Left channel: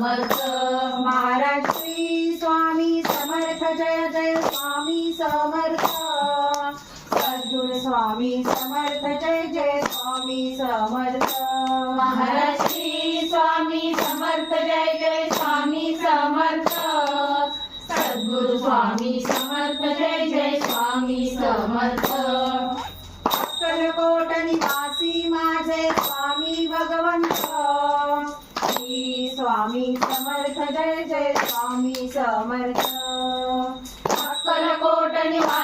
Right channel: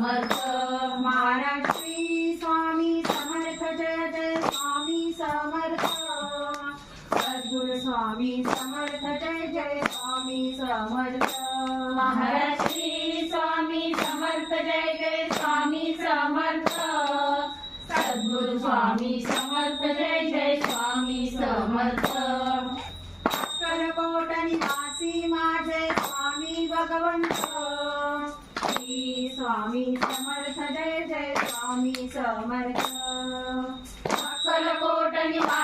समर्थ. महाराज श्री स्वामी समर्थ जय जय स्वामी समर्थ. सद्गुरु स्वामी समर्थ जय जय स्वामी समर्थ. महाराज श्री स्वामी समर्थ जय जय स्वामी समर्थ. सद्गुरु स्वामी समर्थ जय जय स्वामी समर्थ. अक्कलकोट निवासी माझे स्वामी भगवंत. श्री स्वामी समर्थ जय जय स्वामी समर्थ. अक्कलकोट निवासी